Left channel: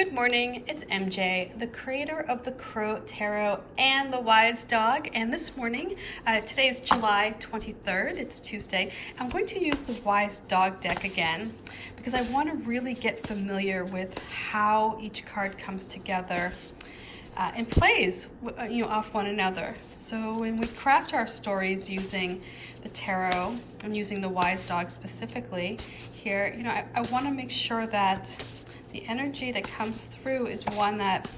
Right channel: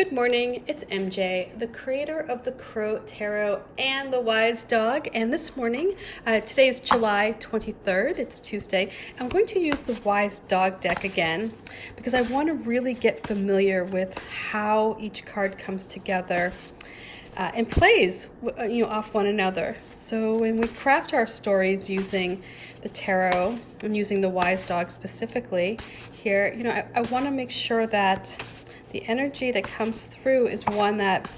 Good morning, it's MJ, the creator of the Crow Tarot and the Wise Dog. And this morning, today is July 23rd, it's Tuesday. I'm going to use the Wise Dog deck again because I want to really get familiar with how each card comes together and plays off one another. So when we craft our stories using the tarot and using the Wise Dog specifically here, I want to make sure that the energy that comes through is one that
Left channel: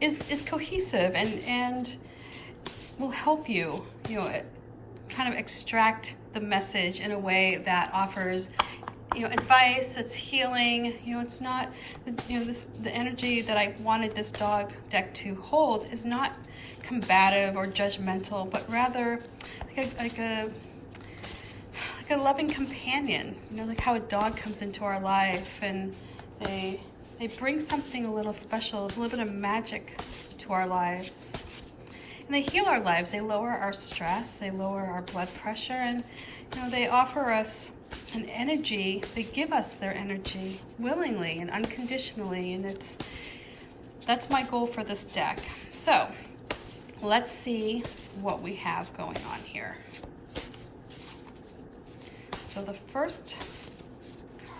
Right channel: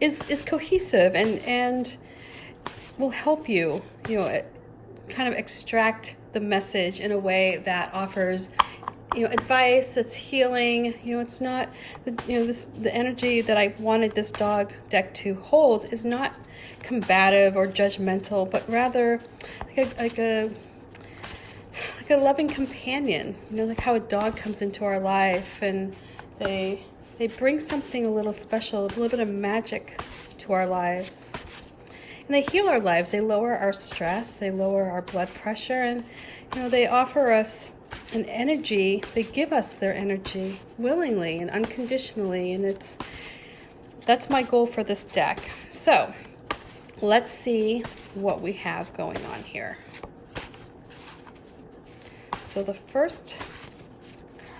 is cohesive and will help you, kind of extract the message in a way that offers, advice, it's healing. It's not, the energy that I wanted this dog deck to hold is not combative or judgmental, but rather like a loving companion, like how a dog comes into our life and they bring something a little special, a little bit of magic to our lives. And they heal our lives. They lower our stress. They lower our blood pressure. And, they offer us an energy. They give us their energy willingly and unconditionally. And that's my goal for this deck. So let's see what we have going on here. So the first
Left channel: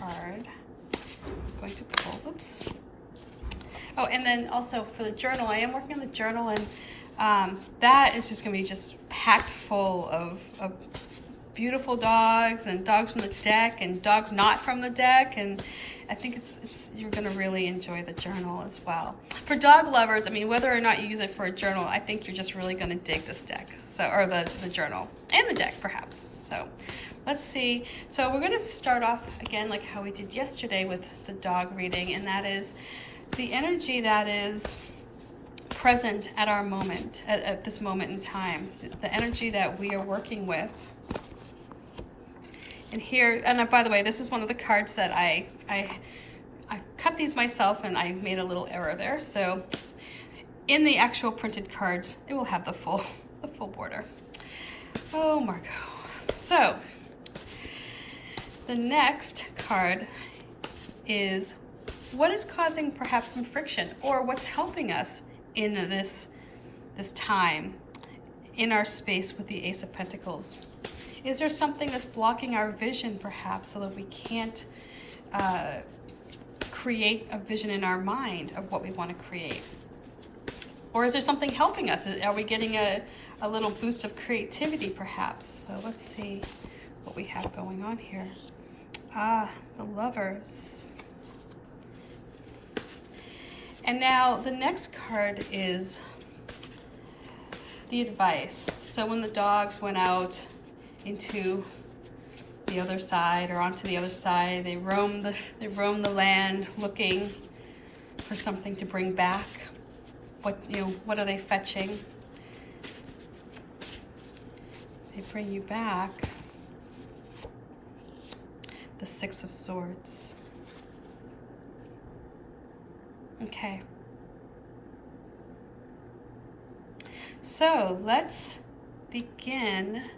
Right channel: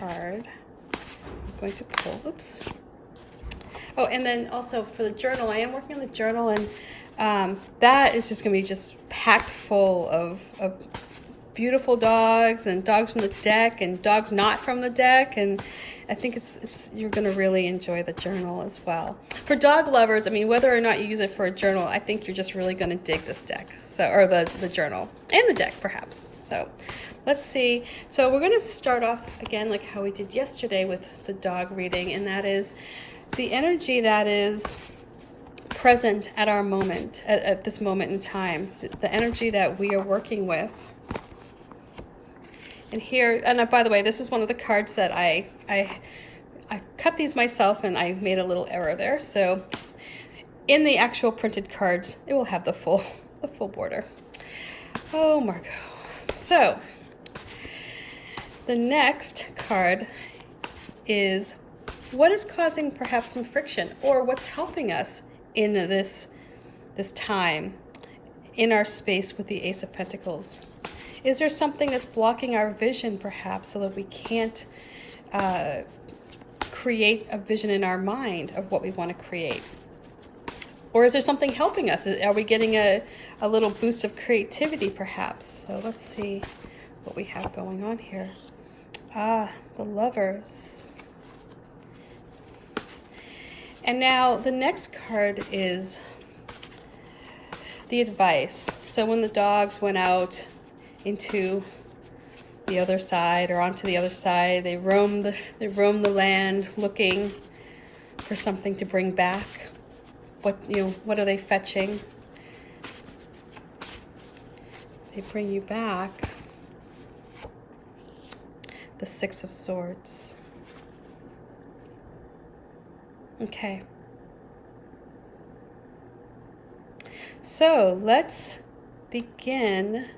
card I'm going to pull, oops. Oh, and then also for the journal, I am working on the journal, and that is just going to be just packed full of beautiful dogs and dogs from the deck and dogs not from the deck, and I think you're going to really enjoy the journal as well. For dog lovers, whether or not you use it for a journal, I think you're just really going to dig this deck, or the journal and the deck perhaps. So let's see. So we're going to start off again like how we did yesterday with the dog reading, and that is the energy that is present at our moment, at this moment in time, the energy that we are working with. And here, and by the way, this is one of the cards that I cut these myself, and I made a little error there. So in the actual printed cards, it will have the full border. Oh, Margot. So the next card is what is causing perhaps some friction, or what's helping us in this time in our space with the Ace of Pentacles. Is there something that's blocking our vision perhaps so that we can't create a vision in our mind of what we want to create? Or is there something helping us? Are we getting a little boost of creativity perhaps? So let's see what we have going on here. The Lovers. And now the next card is the Advice. So when the dogs went out into the other side, or onto the other side, they roam the land looking for something to bring back. What are they fetching? They bring you back the Six of Swords. Okay. So let's begin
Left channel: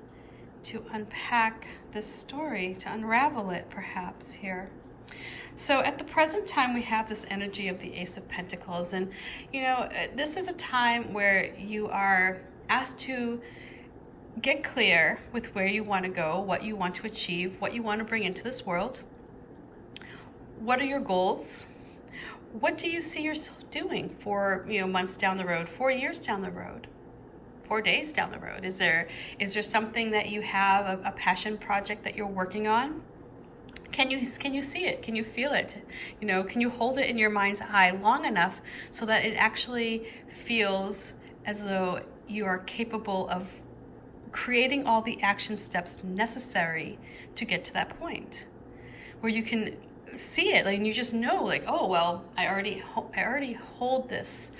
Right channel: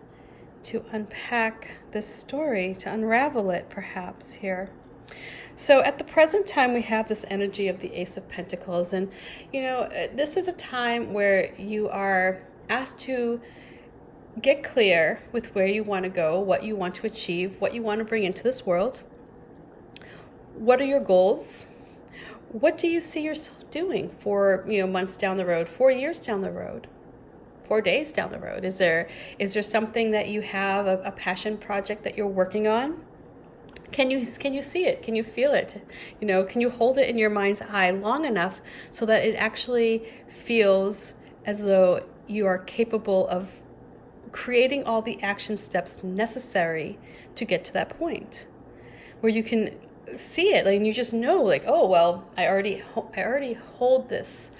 to unpack this story, to unravel it perhaps here. So at the present time, we have this energy of the Ace of Pentacles. And, this is a time where you are asked to get clear with where you want to go, what you want to achieve, what you want to bring into this world. What are your goals? What do you see yourself doing for, months down the road, 4 years down the road, 4 days down the road? Is there something that you have, a passion project that you're working on? Can you see it? Can you feel it? Can you hold it in your mind's eye long enough so that it actually feels as though you are capable of creating all the action steps necessary to get to that point where you can see it, and you just know, oh well, I already hold this.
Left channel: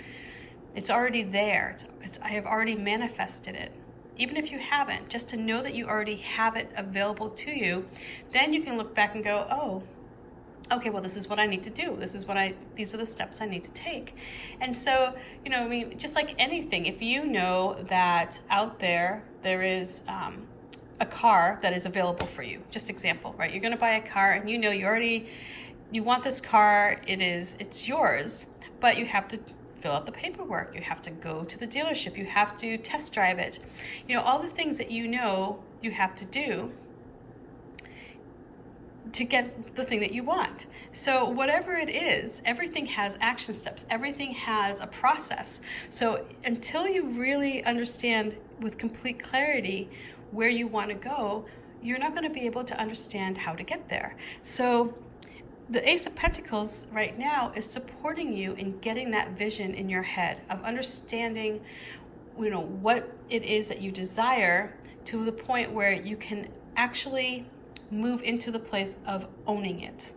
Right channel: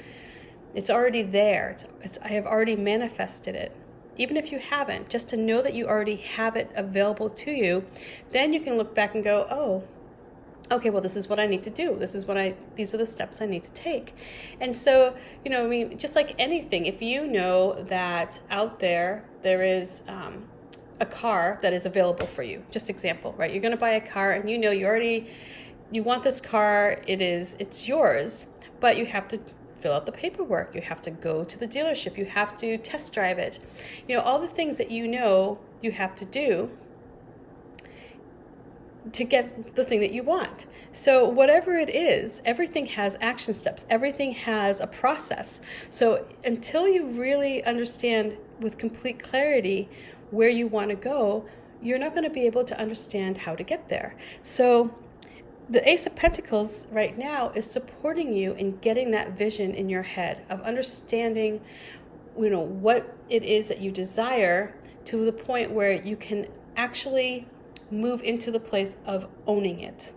It's already there. I have already manifested it. Even if you haven't, just to know that you already have it available to you, then you can look back and go, oh, okay, well, this is what I need to do. These are the steps I need to take. And so, just like anything, if you know that out there is a car that is available for you, just example, right? You're going to buy a car and you already you want this car, it's yours, but you have to fill out the paperwork. You have to go to the dealership. You have to test drive it. You know, all the things that you know you have to do to get the thing that you want. So whatever it is, everything has action steps. Everything has a process. So until you really understand with complete clarity where you want to go, you're not going to be able to understand how to get there. So the Ace of Pentacles right now is supporting you in getting that vision in your head of understanding, you know, what it is that you desire, to the point where you can actually move into the place of owning it.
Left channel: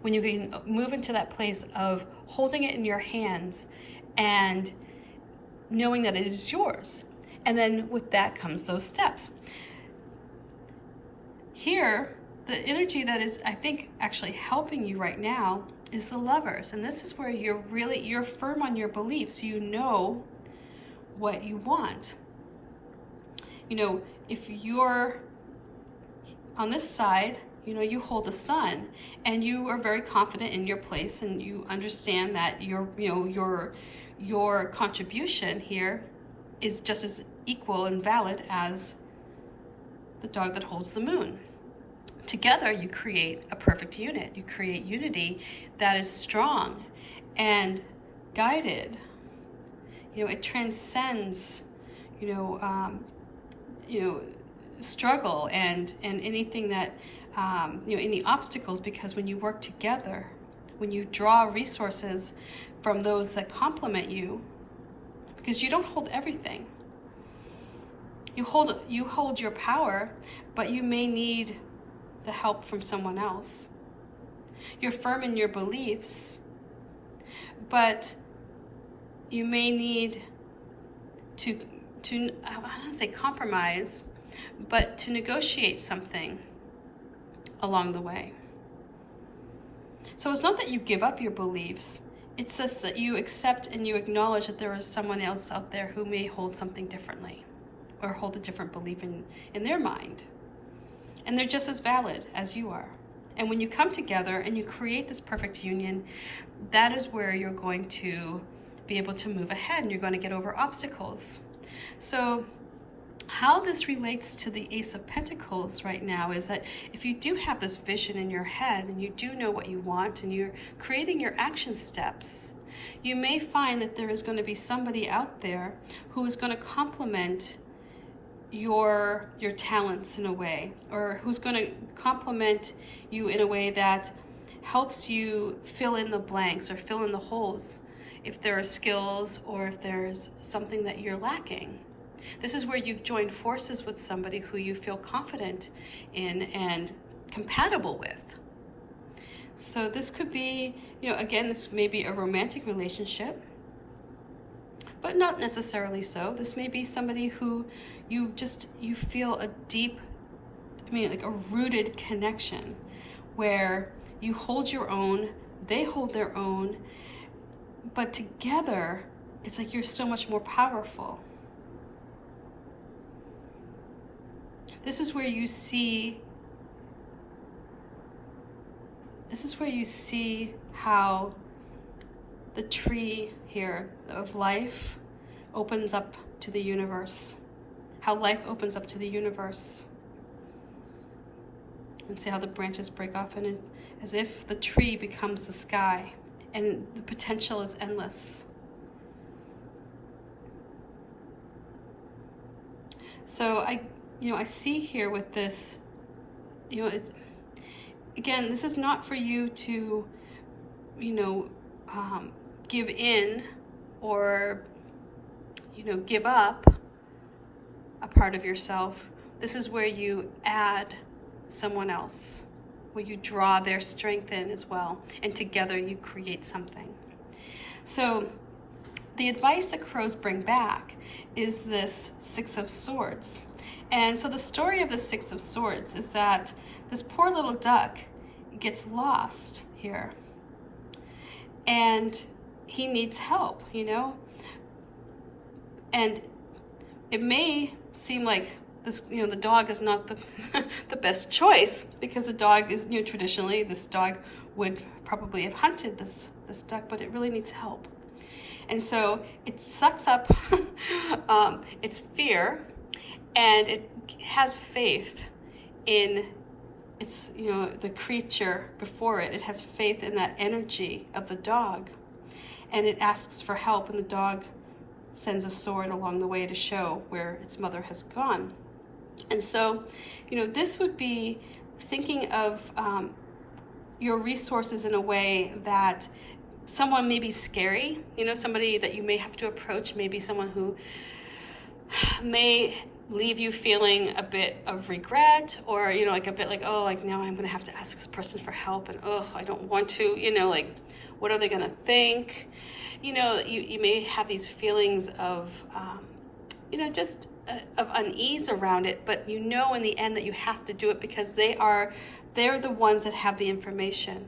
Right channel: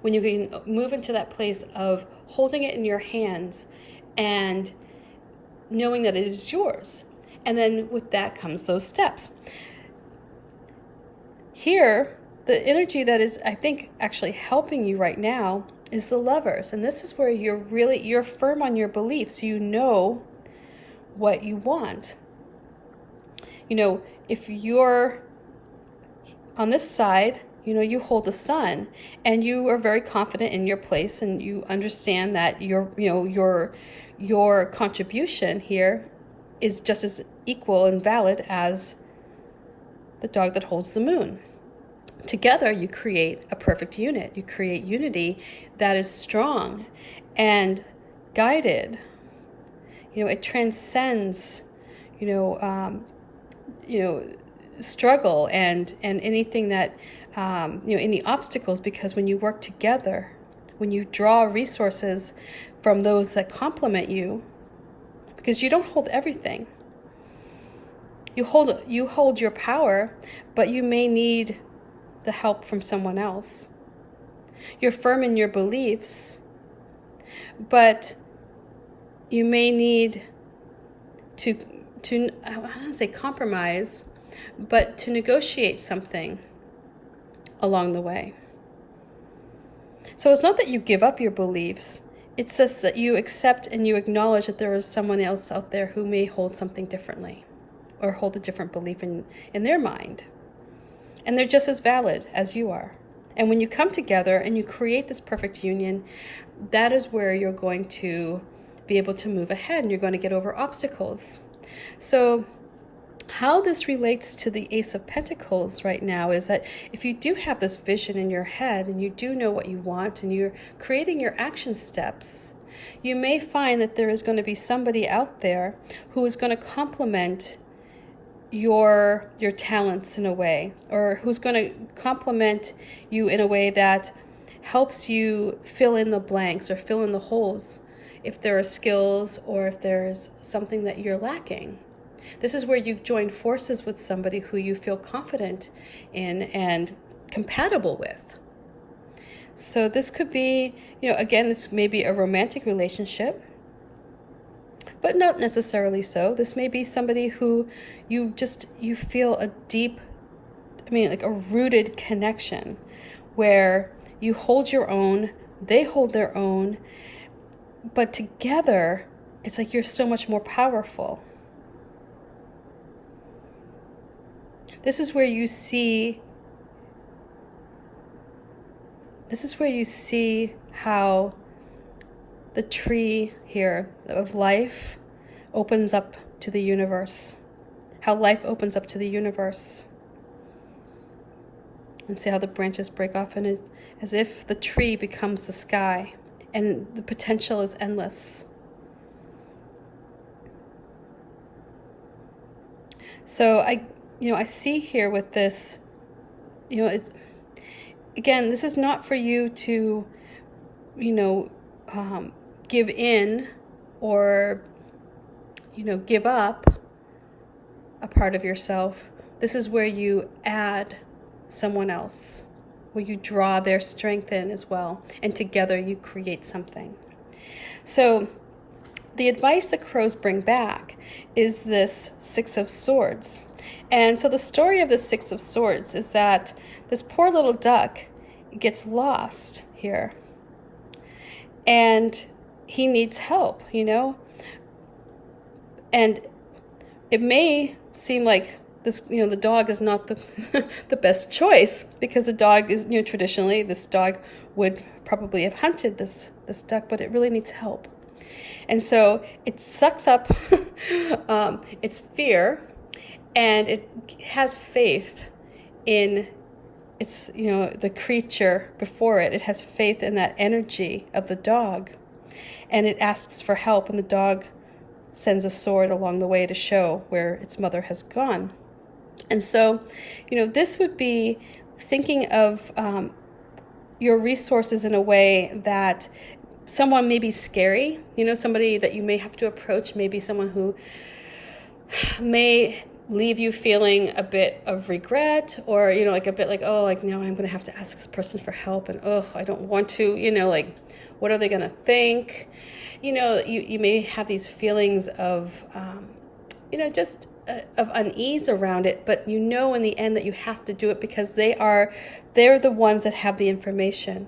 When you can move into that place of holding it in your hands and knowing that it is yours. And then with that comes those steps. Here, the energy that is, I think, actually helping you right now is the Lovers. And this is where you're firm on your beliefs. You know what you want. You know, if you're on this side, you know, you hold the Sun and you are very confident in your place, and you understand that your contribution here is just as equal and valid as the dog that holds the Moon. Together, you create a perfect unit. You create unity that is strong and guided. You know, it transcends, struggle and anything that, any obstacles, because when you work together, when you draw resources from those that complement you, because you don't hold everything. You hold your power, but you may need the help from someone else. You're firm in your beliefs, but you may need to I don't want to say compromise, but to negotiate something along the way. So it's not that you give up your beliefs, it's just that you accept and you acknowledge that there is someone else out there who may hold something differently, or hold a different belief in their mind. And they're just as valid as you are. And when you come together and you create this perfect union, that is where you're going to be able to move ahead, and you're going to get over obstacles. So how this relates to the Ace of Pentacles right now is that if you do have this vision in your head and you do know what you want and you're creating your action steps, you may find that there is going to be somebody out there who is going to complement your talents in a way, or who's going to complement you in a way that helps you fill in the blanks or fill in the holes if there are skills or if there's something that you're lacking. This is where you join forces with somebody who you feel confident in and compatible with. So this could be, again, this may be a romantic relationship, but not necessarily so. This may be somebody who you feel a deep, like a rooted connection, where you hold your own, they hold their own, but together, it's like you're so much more powerful. This is where you see how the tree here of life opens up to the universe. How life opens up to the universe. And see how the branches break off, and it's as if the tree becomes the sky, and the potential is endless. So I see here with this, it's, again, this is not for you to, give in or, give up a part of yourself. This is where you add someone else, where you draw their strength in as well, and together you create something. So the advice that crows bring back is this Six of Swords. And so the story of the Six of Swords is that this poor little duck gets lost here, and he needs help, and it may seem like this, the dog is not the the best choice, because the dog is, traditionally this dog would probably have hunted this duck, but it really needs help. And so it sucks up its fear, and it has faith in its, the creature before it. It has faith in that energy of the dog, and it asks for help, and the dog sends a sword along the way to show where its mother has gone. And so, this would be thinking of your resources in a way that someone may be scary, somebody that you may have to approach, maybe someone who may leave you feeling a bit of regret, or, like a bit like, oh, like now I'm going to have to ask this person for help, and I don't want to, like, what are they going to think? You may have these feelings of, just of unease around it, but in the end that you have to do it because they're the ones that have the information.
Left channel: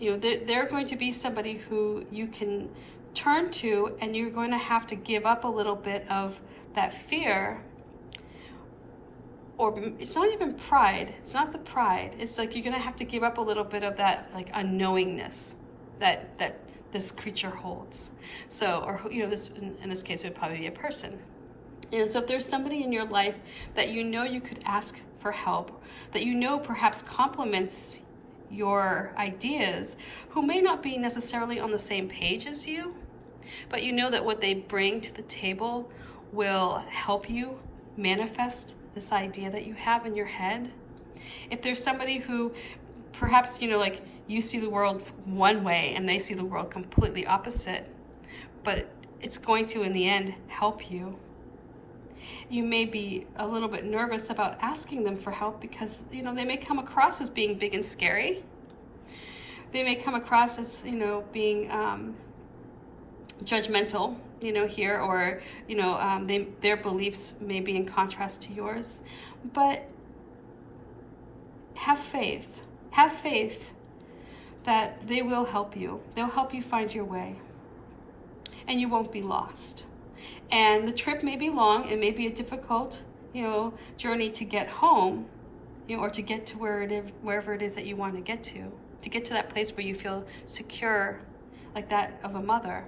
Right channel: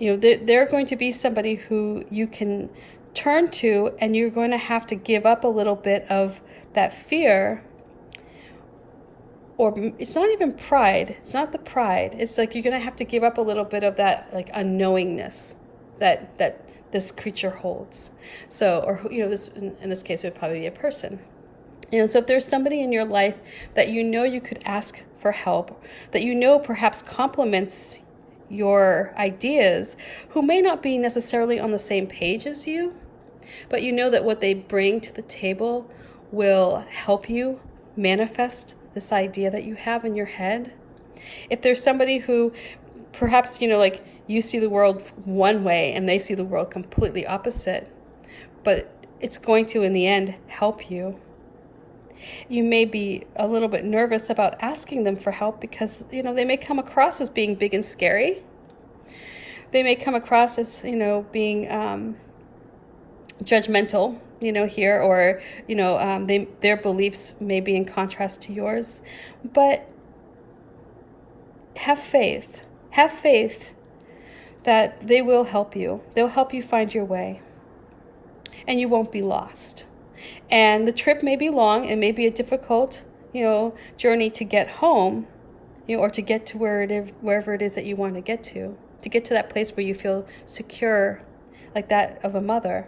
They're going to be somebody who you can turn to, and you're going to have to give up a little bit of that fear, or it's not even pride. It's not the pride. It's like you're going to have to give up a little bit of that, like, unknowingness that this creature holds. So, or this in this case, it would probably be a person. So if there's somebody in your life that you could ask for help, that perhaps complements your ideas, who may not be necessarily on the same page as you, but that what they bring to the table will help you manifest this idea that you have in your head. If there's somebody who perhaps, like, you see the world one way and they see the world completely opposite, but it's going to, in the end, help you. You may be a little bit nervous about asking them for help because, they may come across as being big and scary. They may come across as, being judgmental, here, or, their beliefs may be in contrast to yours. But have faith. Have faith that they will help you. They'll help you find your way. And you won't be lost. And the trip may be long, and may be a difficult, journey to get home, or to get to wherever it is that you want to get to that place where you feel secure, like that of a mother,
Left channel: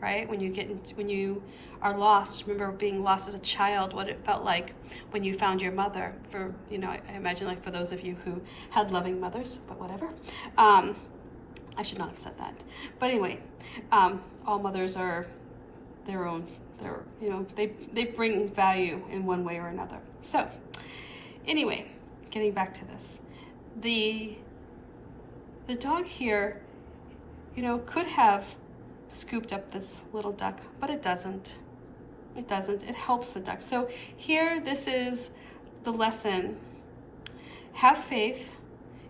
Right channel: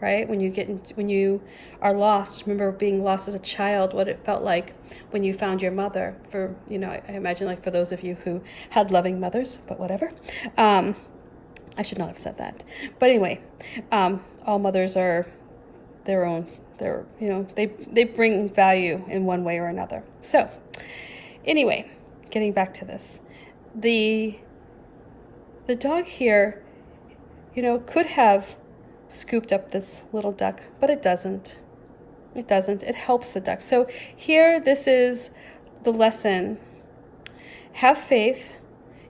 right? When you are lost, remember being lost as a child, what it felt like when you found your mother. For, I imagine, like, for those of you who had loving mothers, but whatever. I should not have said that. But anyway, all mothers are their own. They bring value in one way or another. So anyway, getting back to this, the dog here, could have scooped up this little duck, but it doesn't. It doesn't. It helps the duck. So here, this is the lesson. Have faith,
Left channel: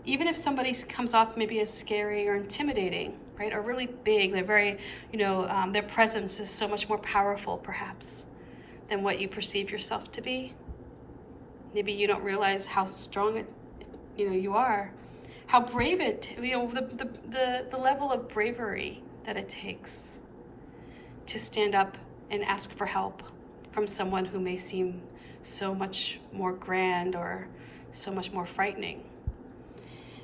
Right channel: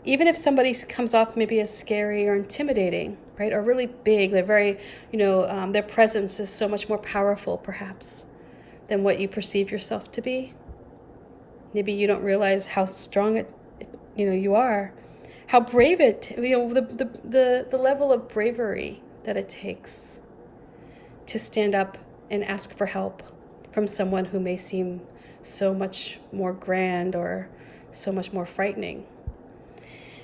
even if somebody comes off maybe as scary or intimidating, right, or really big. They're very, their presence is so much more powerful, perhaps, than what you perceive yourself to be. Maybe you don't realize how strong you are, how brave the level of bravery that it takes to stand up and ask for help from someone who may seem so much more grand or so much more frightening.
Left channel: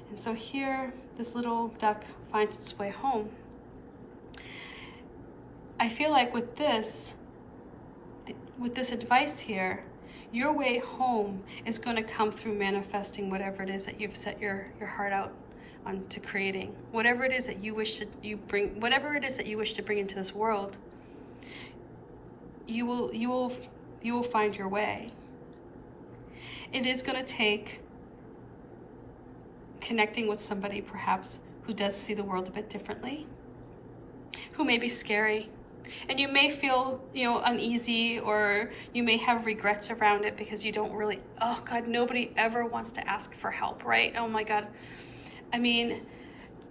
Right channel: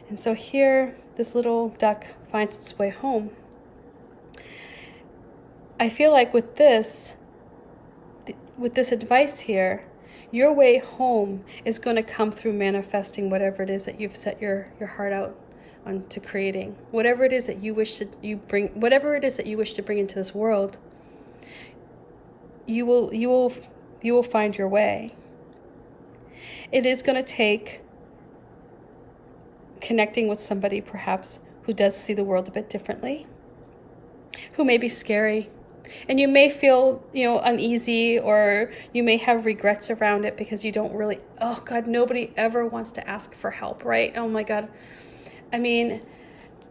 And so here, this little duck finds its way home. I feel like with this advice here, your way home is going to come through manifesting whatever it is that you've set your heart out onto creating. Whatever it is that you wish to bring into this world, you will find your way. It is going to take connecting with somebody perhaps who does see the world a bit differently, who may be scary, and you may feel, uneasy, or you may have regrets around it because you don't really, oh God, nobody ever wants to ask for help, right? Oh my God. I mean,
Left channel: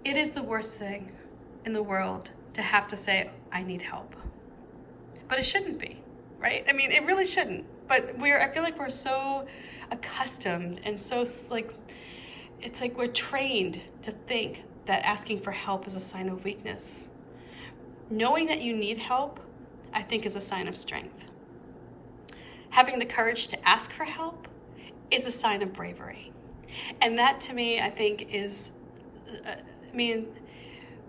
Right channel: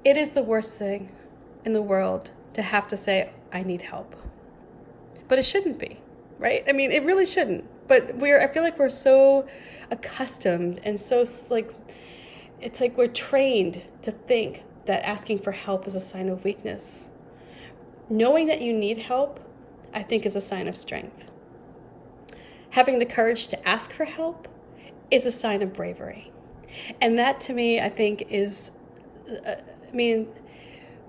it is the worst thing in the world to have to say, I need help. But it shouldn't be, right? I mean, it really shouldn't. But I feel like we're so accustomed and so, like, it's like we're trained to think that asking for help is a sign of weakness. Knowing that you need help, I think, is a sign of strength. Having the courage to ask for help is a sign of bravery. And that, to me, I think, is I mean,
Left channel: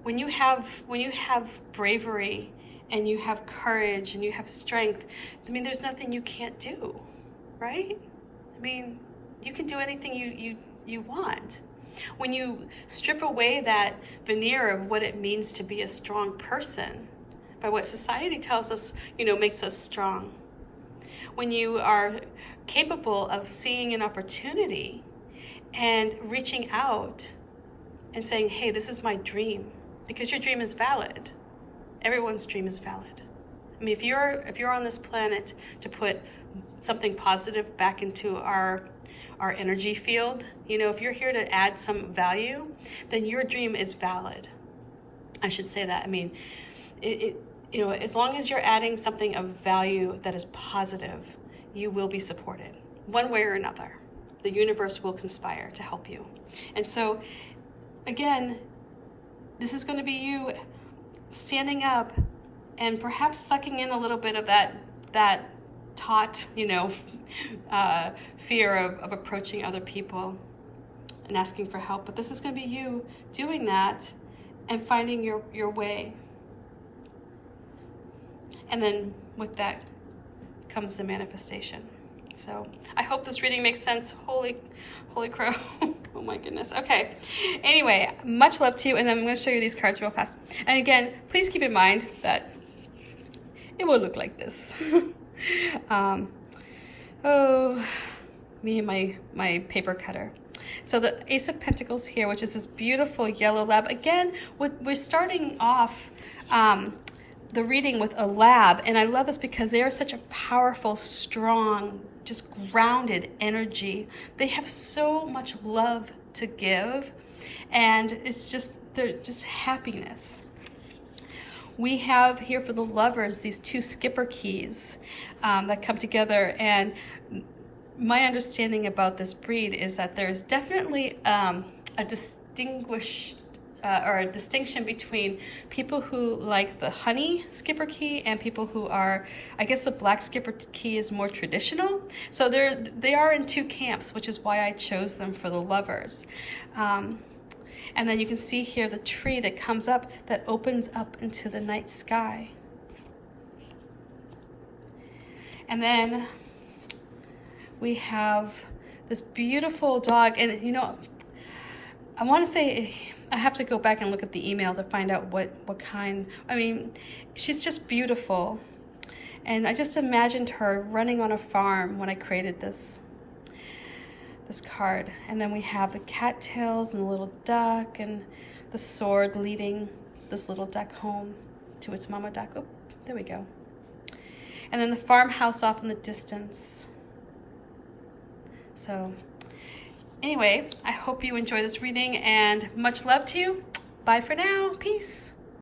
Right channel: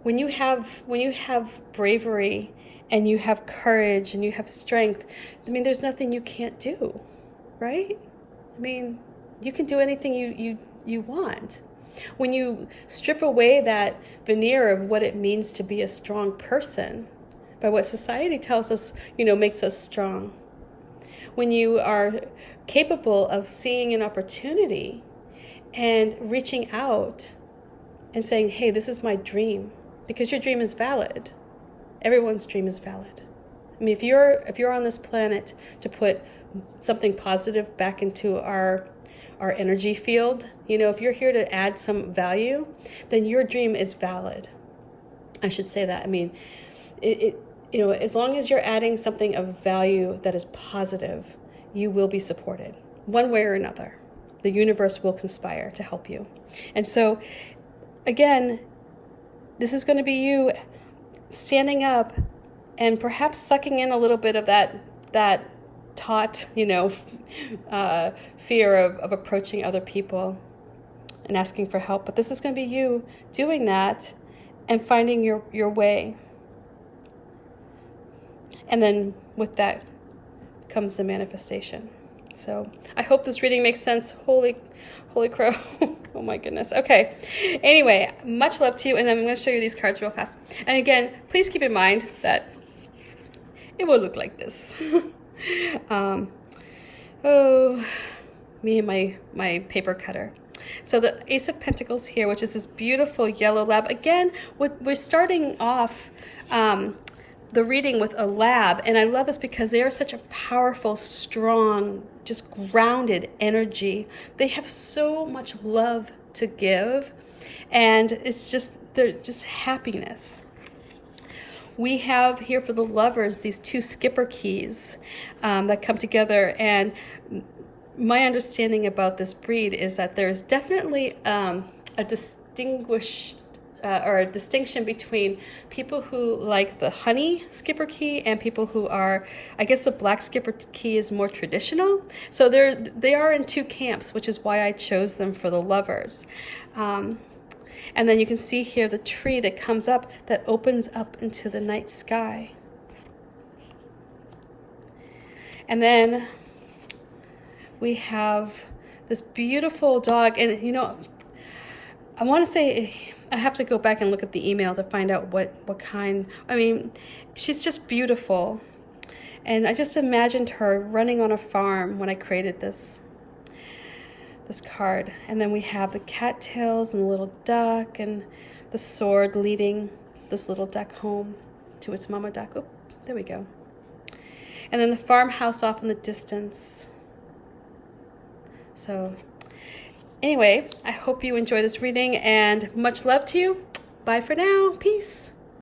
when you have bravery and you have courage and you have strength, I mean, there's nothing you can't do, right? I mean, you can do anything you want. When you strip away that veneer of what it means to be a strong person, by what society tells us, makes us strong. When you are capable of seeing an opportunity and reaching out and saying, hey, this is my dream, because your dream is valid. Everyone's dream is valid. I mean, if you're on this planet to put something positive back into our energy field, if you're here to add some value, then your dream is valid. I should say that. I mean, as long as you're adding something of value that is positive, you will be supported one way or another. The universe will conspire to help you. And so, again, this is going to be you standing up and perhaps sucking in a little bit of that taught, fear of approaching other people and asking for help. But this is going to be you doing that and finding your way. And then with that comes the manifestation. So I hope this reading makes sense. Holy crow. Oh my goodness. Okay. Anyway, much love to you. And then I'm going to show you these cards real fast. And again, please keep in mind that it will look like this. Me and my paper cutter. So the Ace of Pentacles here, which is this beautiful yellow lab. Again, we're starting off the reading with a lab, and I love this because they are such a powerful, strong, just grounded energy. They have so much love to give, and they're just happiness. We have here for the lovers these two skipper keys that come together, and my understanding about this breed is that there's definitely a distinction between people who like the honey skipper key and people who are, I guess the black skipper key is more traditional. So they are in two camps, which is why I chose them for the lovers. And then you can see here the tree that comes up, that opens up into the night sky. And then we have this beautiful dog, and I want to say, I have to go back and look at the email to find out what kind. I mean, she's just beautiful. And I just imagined her running on a farm when I created this card. And then we have the cattails and the little duck and the sword leading this little duck home to its mama duck. Oh, there we go. And then the farmhouse off in the distance. So anyway, I hope you enjoy this reading, and much love to you. Bye for now. Peace.